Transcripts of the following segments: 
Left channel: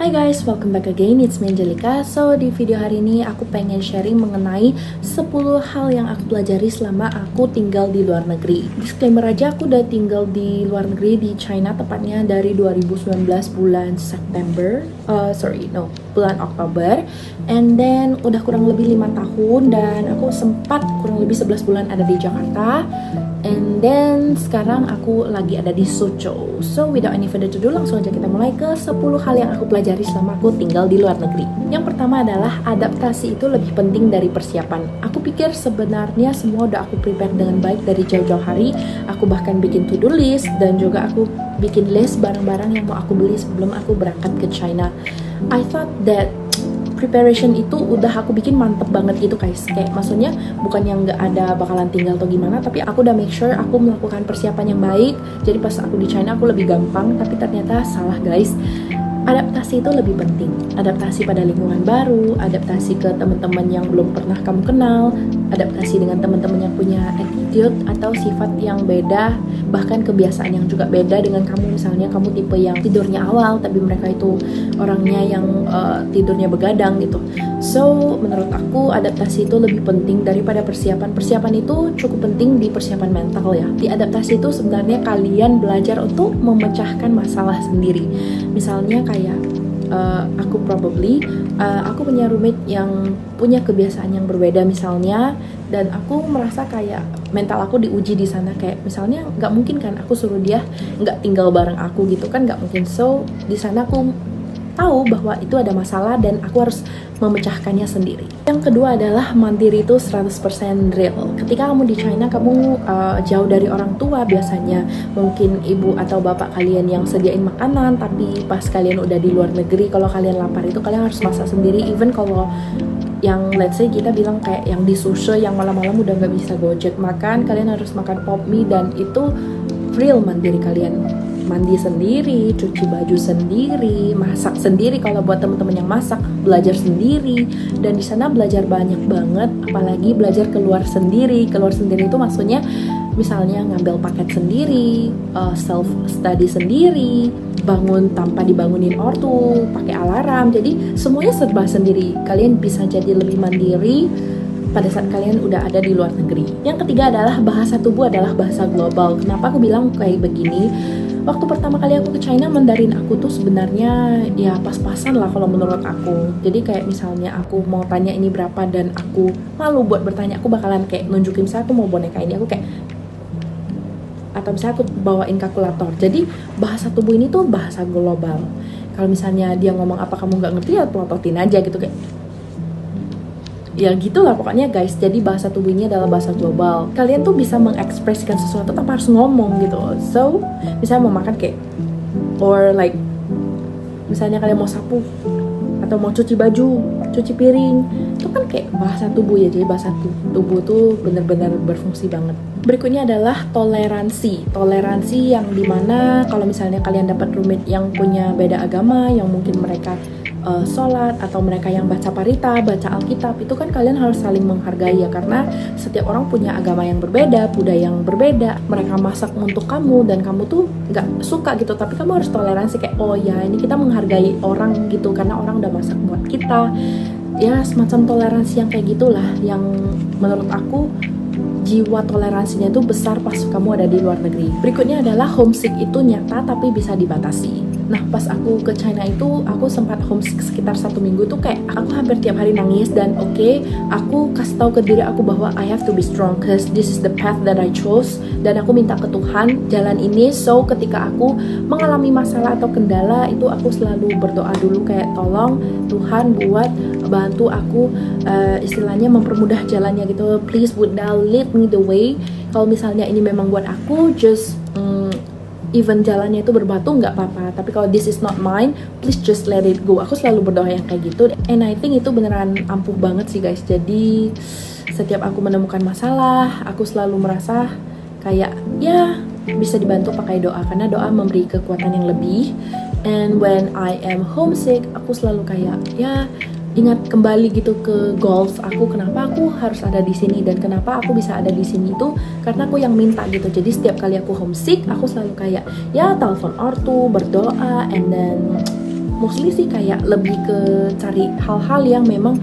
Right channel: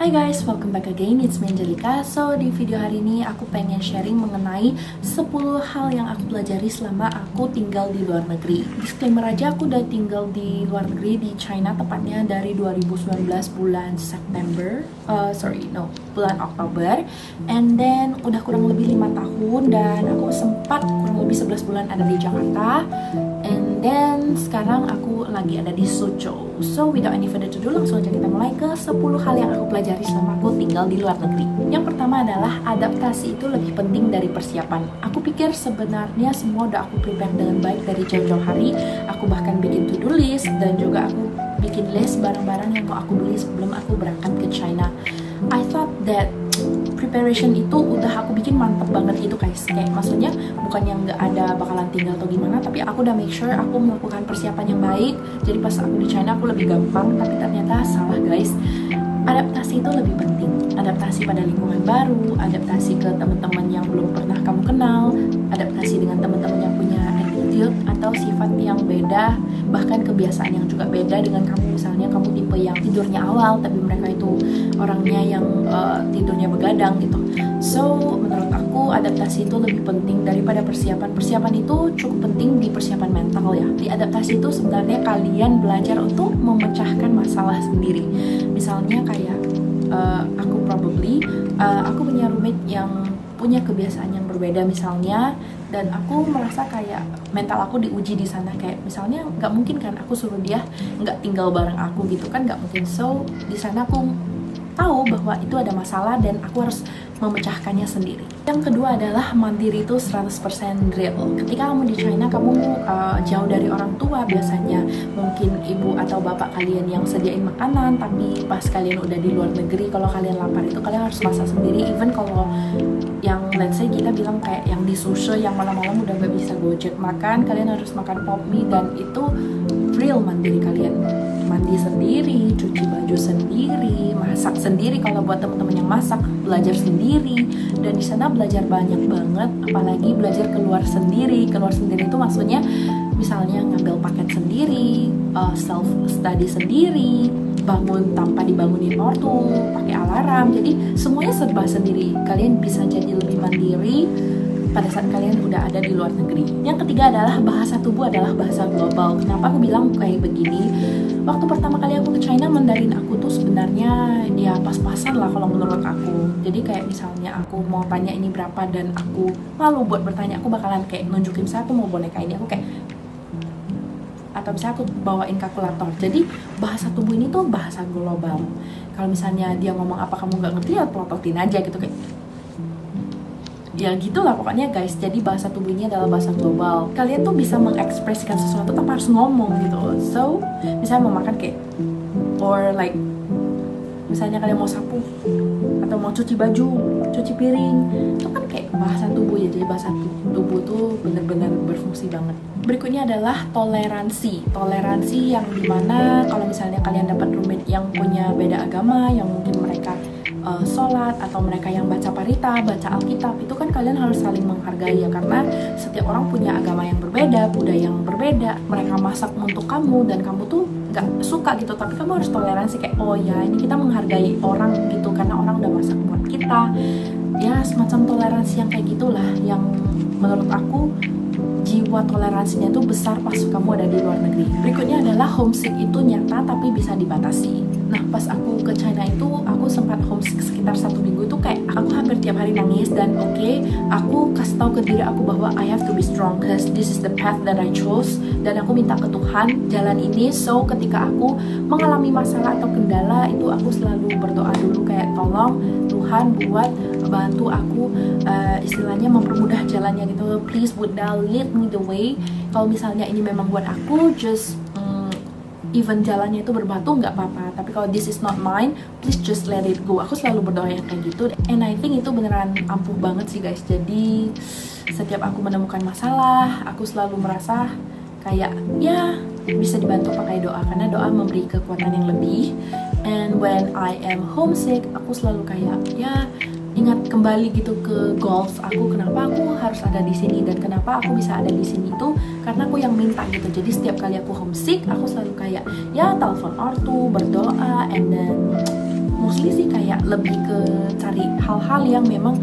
Hai guys, welcome back again, it's me Angelica. So, di video hari ini aku pengen sharing mengenai 10 hal yang aku pelajari selama aku tinggal di luar negeri. Disclaimer aja, aku udah tinggal di luar negeri di China tepatnya dari 2019 bulan September bulan Oktober. And then udah kurang lebih 5 tahun dan aku sempat kurang lebih 11 bulan ada di Jakarta. And then sekarang aku lagi ada di Suzhou. So without any further ado, langsung aja kita mulai ke 10 hal yang aku pelajari selama aku tinggal di luar negeri. Yang pertama adalah adaptasi itu lebih penting dari persiapan. Aku pikir sebenarnya semua udah aku prepare dengan baik dari jauh-jauh hari. Aku bahkan bikin to-do list dan juga aku bikin list barang-barang yang mau aku beli sebelum aku berangkat ke China. I thought that preparation itu udah aku bikin mantep banget gitu guys. Kayak maksudnya bukan yang nggak ada bakalan tinggal atau gimana, tapi aku udah make sure aku melakukan persiapan yang baik. Jadi pas aku di China aku lebih gampang, tapi ternyata salah guys. Adaptasi itu lebih penting. Adaptasi pada lingkungan baru, adaptasi ke teman-teman yang belum pernah kamu kenal, adaptasi dengan teman-teman yang punya attitude atau sifat yang beda, bahkan kebiasaan yang juga beda dengan kamu. Misalnya kamu tipe yang tidurnya awal, tapi mereka itu orangnya yang tidurnya begadang gitu. So, menurut aku adaptasi itu lebih penting daripada persiapan. Persiapan itu cukup penting di persiapan mental ya. Di adaptasi itu sebenarnya kalian belajar untuk memecahkan masalah sendiri. Misalnya kayak aku punya roommate yang punya kebiasaan yang berbeda misalnya, dan aku merasa kayak mental aku diuji di sana. Kayak misalnya nggak mungkin kan aku suruh dia nggak tinggal bareng aku gitu kan, nggak mungkin. So di sana aku tahu bahwa itu ada masalah dan aku harus memecahkannya sendiri. Yang kedua adalah mandiri itu 100% real. Ketika kamu di China, kamu jauh dari orang tua biasanya. Mungkin ibu atau bapak kalian yang sediain makanan, tapi pas kalian udah di luar negeri, kalau kalian lapar itu kalian harus masak sendiri. Even kalau yang let's say kita bilang kayak yang di Suzhou yang malam-malam udah nggak bisa gojek makan, kalian harus makan pop mie, dan itu real mandiri kalian. Mandi sendiri, cuci baju sendiri, masak sendiri kalau buat teman-teman yang masak, belajar sendiri. Dan di sana belajar banyak banget, apalagi belajar keluar sendiri. Keluar sendiri itu maksudnya misalnya ngambil paket sendiri, self study sendiri, bangun tanpa dibangunin ortu, pakai alarm. Jadi semuanya serba sendiri. Kalian bisa jadi lebih mandiri pada saat kalian udah ada di luar negeri. Yang ketiga adalah bahasa tubuh adalah bahasa global. Kenapa aku bilang kayak begini? Waktu pertama kali aku ke China, Mandarin aku tuh sebenarnya ya pas-pasan lah kalau menurut aku. Jadi kayak misalnya aku mau tanya ini berapa dan aku malu buat bertanya, aku bakalan kayak nunjukin saya aku mau boneka ini, aku kayak, atau misalnya aku bawain kalkulator. Jadi bahasa tubuh ini tuh bahasa global. Kalau misalnya dia ngomong apa kamu nggak ngerti ya pelototin aja gitu, kayak ya gitulah pokoknya guys. Jadi bahasa tubuh ini adalah bahasa global. Kalian tuh bisa mengekspresikan sesuatu tanpa harus ngomong gitu. So misalnya mau makan kayak, or like misalnya kalian mau sapu atau mau cuci baju, cuci piring, itu kan kayak bahasa tubuh ya. Jadi bahasa tubuh tuh benar-benar berfungsi banget. Berikutnya adalah toleransi. Toleransi yang dimana kalau misalnya kalian dapat roommate yang punya beda agama, yang mungkin mereka sholat, atau mereka yang baca parita, baca Alkitab, itu kan kalian harus saling menghargai ya, karena setiap orang punya agama yang berbeda, budaya yang berbeda. Mereka masak untuk kamu dan kamu tuh nggak suka gitu, tapi kamu harus toleransi kayak, oh ya ini kita menghargai orang gitu karena orang udah masak buat kita. Ya semacam toleransi yang kayak gitulah yang menurut aku jiwa toleransinya itu besar pas kamu ada di luar negeri. Berikutnya adalah homesick itu nyata tapi bisa dibatasi. Nah pas aku ke China itu aku sempat homesick sekitar 1 minggu itu kayak aku hampir tiap hari nangis. Dan aku kasih tahu ke diri aku bahwa I have to be strong cause this is the path that I chose. Dan aku minta ke Tuhan jalan ini. So ketika aku mengalami masalah atau kendala itu aku selalu berdoa dulu kayak, tolong Tuhan buat bantu aku istilahnya mempermudah jalannya gitu. Please would thou lead me the way. Kalau misalnya ini memang buat aku, just even jalannya itu berbatu nggak apa-apa, tapi kalau this is not mine, please just let it go. Aku selalu berdoa yang kayak gitu, and I think itu beneran ampuh banget sih guys. Jadi setiap aku menemukan masalah, aku selalu merasa kayak ya bisa dibantu pakai doa, karena doa memberi kekuatan yang lebih. And when I am homesick, aku selalu kayak ya ingat kembali gitu ke goals aku, kenapa aku harus ada di sini dan kenapa aku bisa ada di sini itu karena aku yang minta gitu. Jadi setiap kali aku homesick, aku selalu kayak ya telepon ortu, berdoa, and then mostly sih kayak lebih ke cari hal-hal yang memang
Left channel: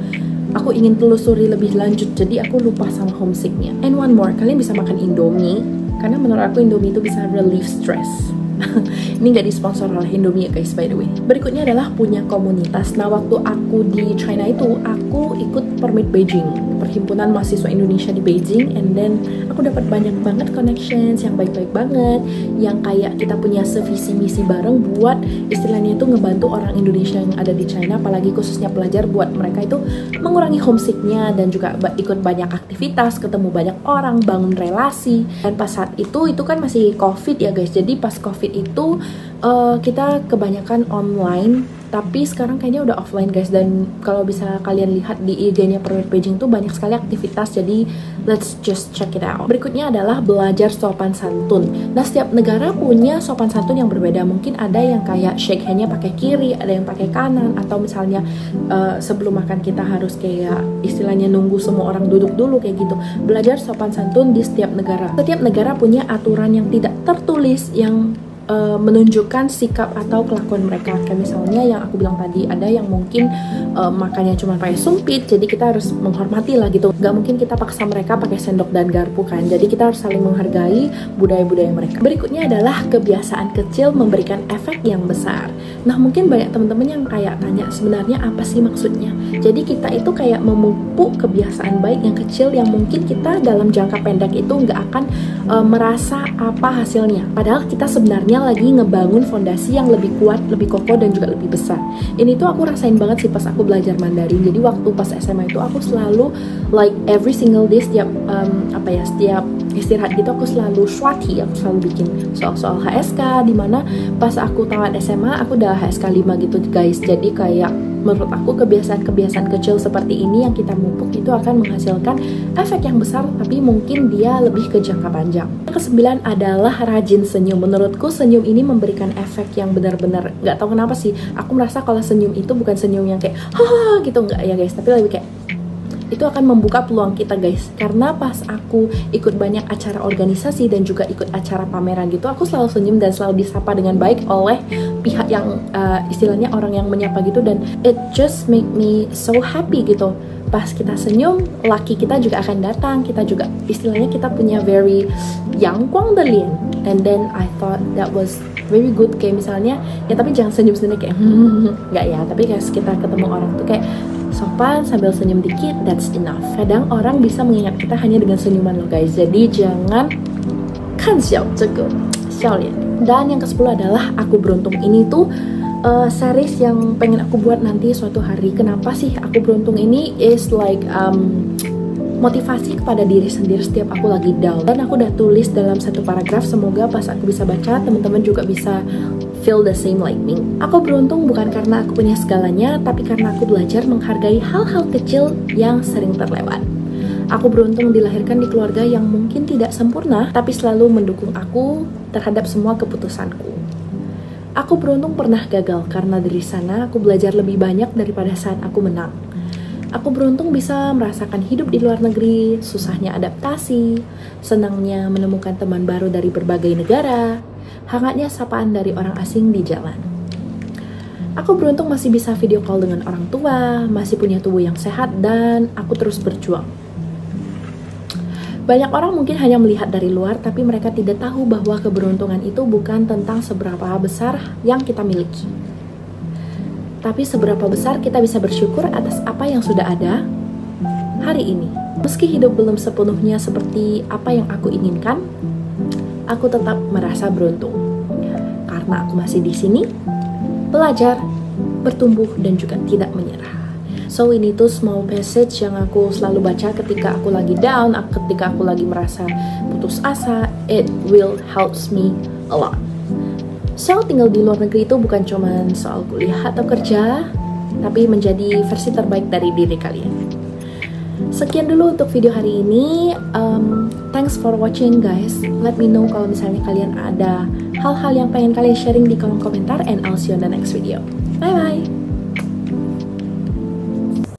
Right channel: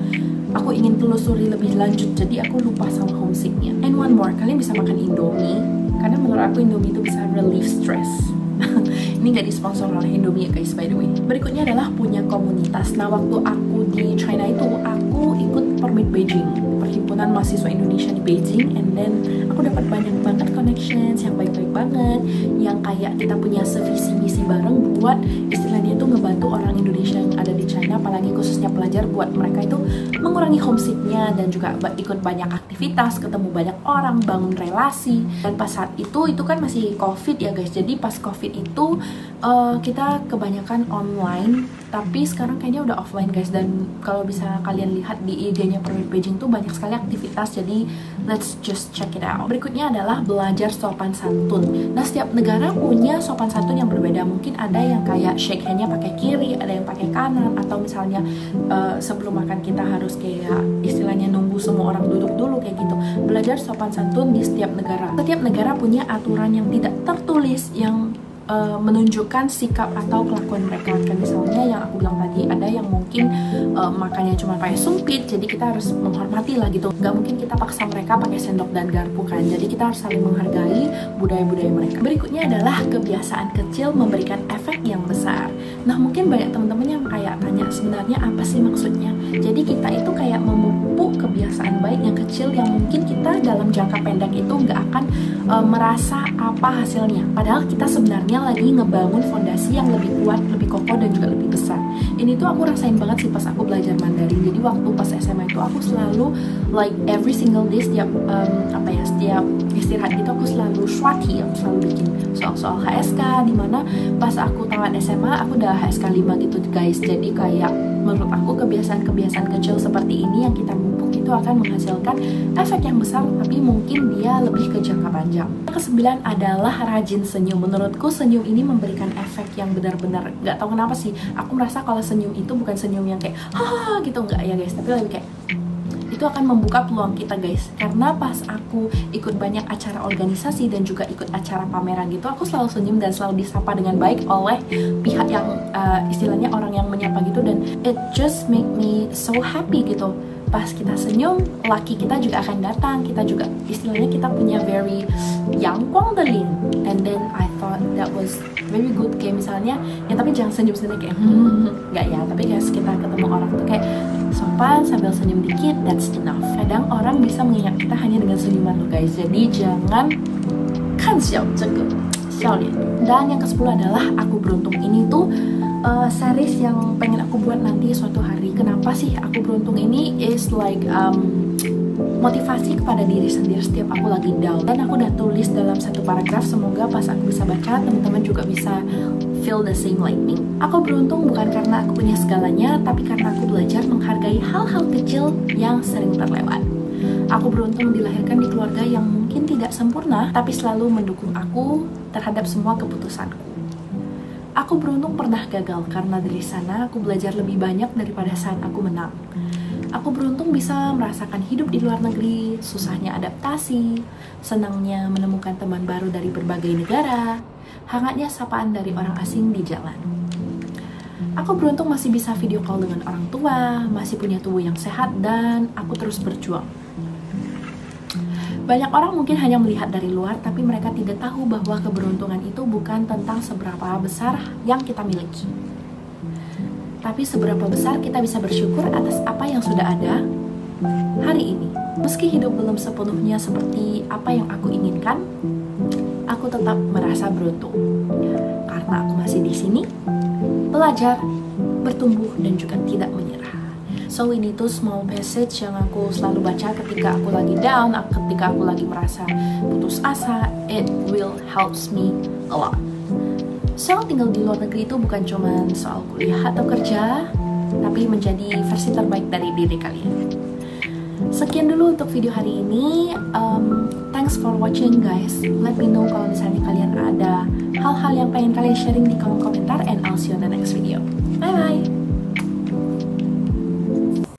aku ingin telusuri lebih lanjut, jadi aku lupa sama homesicknya. And one more, kalian bisa makan Indomie, karena menurut aku Indomie itu bisa relief stress. Ini nggak disponsor oleh Indomie ya guys, by the way. Berikutnya adalah punya komunitas. Nah, waktu aku di China itu, aku ikut Permit Beijing, perhimpunan mahasiswa Indonesia di Beijing, and then aku dapat banyak banget connections yang baik-baik banget, yang kayak kita punya sevisi misi bareng buat istilahnya itu ngebantu orang Indonesia yang ada di China, apalagi khususnya pelajar, buat mereka itu mengurangi homesicknya dan juga ikut banyak aktivitas, ketemu banyak orang, bangun relasi. Dan pas saat itu kan masih COVID ya guys, jadi pas COVID itu kita kebanyakan online, tapi sekarang kayaknya udah offline guys. Dan kalau bisa kalian lihat di IG-nya Permit Beijing tuh banyak sekali aktivitas, jadi let's just check it out. Berikutnya adalah belajar sopan santun. Nah, setiap negara punya sopan santun yang berbeda. Mungkin ada yang kayak shake hand-nya pakai kiri, ada yang pakai kanan, atau misalnya sebelum makan kita harus kayak istilahnya nunggu semua orang duduk dulu kayak gitu. Belajar sopan santun di setiap negara. Setiap negara punya aturan yang tidak tertulis yang menunjukkan sikap atau kelakuan mereka. Kayak misalnya yang aku bilang tadi, ada yang mungkin makannya cuma pakai sumpit, jadi kita harus menghormati lah gitu. Gak mungkin kita paksa mereka pakai sendok dan garpu kan, jadi kita harus saling menghargai budaya-budaya mereka. Berikutnya adalah kebiasaan kecil memberikan efek yang besar. Nah, mungkin banyak teman-teman yang kayak tanya, sebenarnya apa sih maksudnya? Jadi kita itu kayak memupuk kebiasaan baik yang kecil yang mungkin kita dalam jangka pendek itu nggak akan merasa apa hasilnya, padahal kita sebenarnya lagi ngebangun fondasi yang lebih kuat, lebih kokoh, dan juga lebih besar. Ini tuh aku rasain banget sih pas aku belajar Mandarin. Jadi waktu pas SMA itu aku selalu like every single day, setiap setiap istirahat gitu aku selalu swati, aku selalu bikin soal-soal HSK, dimana pas aku tamat SMA aku udah HSK 5 gitu guys. Jadi kayak menurut aku kebiasaan-kebiasaan kecil seperti ini yang kita mupuk itu akan menghasilkan efek yang besar, tapi mungkin dia lebih ke jangka panjang. Kesembilan adalah rajin senyum. Menurutku senyum ini memberikan efek yang benar-benar, nggak tahu kenapa sih, aku merasa kalau senyum itu bukan senyum yang kayak haha gitu, nggak ya guys, tapi lebih kayak itu akan membuka peluang kita guys. Karena pas aku ikut banyak acara organisasi dan juga ikut acara pameran gitu, aku selalu senyum dan selalu disapa dengan baik oleh pihak yang istilahnya orang yang menyapa gitu, dan it just make me so happy gitu. Pas kita senyum, laki kita juga akan datang, kita juga istilahnya kita punya very yang kuang de lian. And then I thought that was very good. Kayak misalnya ya, tapi jangan senyum sendiri kayak nggak ya, tapi kayak kita ketemu orang tuh kayak sopan sambil senyum dikit, that's enough. Kadang orang bisa mengingat kita hanya dengan senyuman loh guys. Jadi jangan kan xiao lian. Dan yang ke-10 adalah aku beruntung. Ini tuh series yang pengen aku buat nanti suatu hari. Kenapa sih aku beruntung ini is like motivasi kepada diri sendiri setiap aku lagi down. Dan aku udah tulis dalam satu paragraf, semoga pas aku bisa baca teman-teman juga bisa feel the same like me. Aku beruntung bukan karena aku punya segalanya, tapi karena aku belajar menghargai hal-hal kecil yang sering terlewat. Aku beruntung dilahirkan di keluarga yang mungkin tidak sempurna, tapi selalu mendukung aku terhadap semua keputusanku. Aku beruntung pernah gagal, karena dari sana aku belajar lebih banyak daripada saat aku menang. Aku beruntung bisa merasakan hidup di luar negeri, susahnya adaptasi, senangnya menemukan teman baru dari berbagai negara, hangatnya sapaan dari orang asing di jalan. Aku beruntung masih bisa video call dengan orang tua, masih punya tubuh yang sehat, dan aku terus berjuang. Banyak orang mungkin hanya melihat dari luar, tapi mereka tidak tahu bahwa keberuntungan itu bukan tentang seberapa besar yang kita miliki, tapi seberapa besar kita bisa bersyukur atas apa yang sudah ada hari ini. Meski hidup belum sepenuhnya seperti apa yang aku inginkan, aku tetap merasa beruntung karena aku masih di sini, belajar, bertumbuh, dan juga tidak menyerah. So ini tuh small passage yang aku selalu baca ketika aku lagi down, ketika aku lagi merasa putus asa. It will helps me a lot. So tinggal di luar negeri itu bukan cuma soal kuliah atau kerja, tapi menjadi versi terbaik dari diri kalian. Sekian dulu untuk video hari ini. Thanks for watching guys. Let me know kalau misalnya kalian ada hal-hal yang pengen kalian sharing di kolom komentar, and I'll see you on the next video. Bye bye.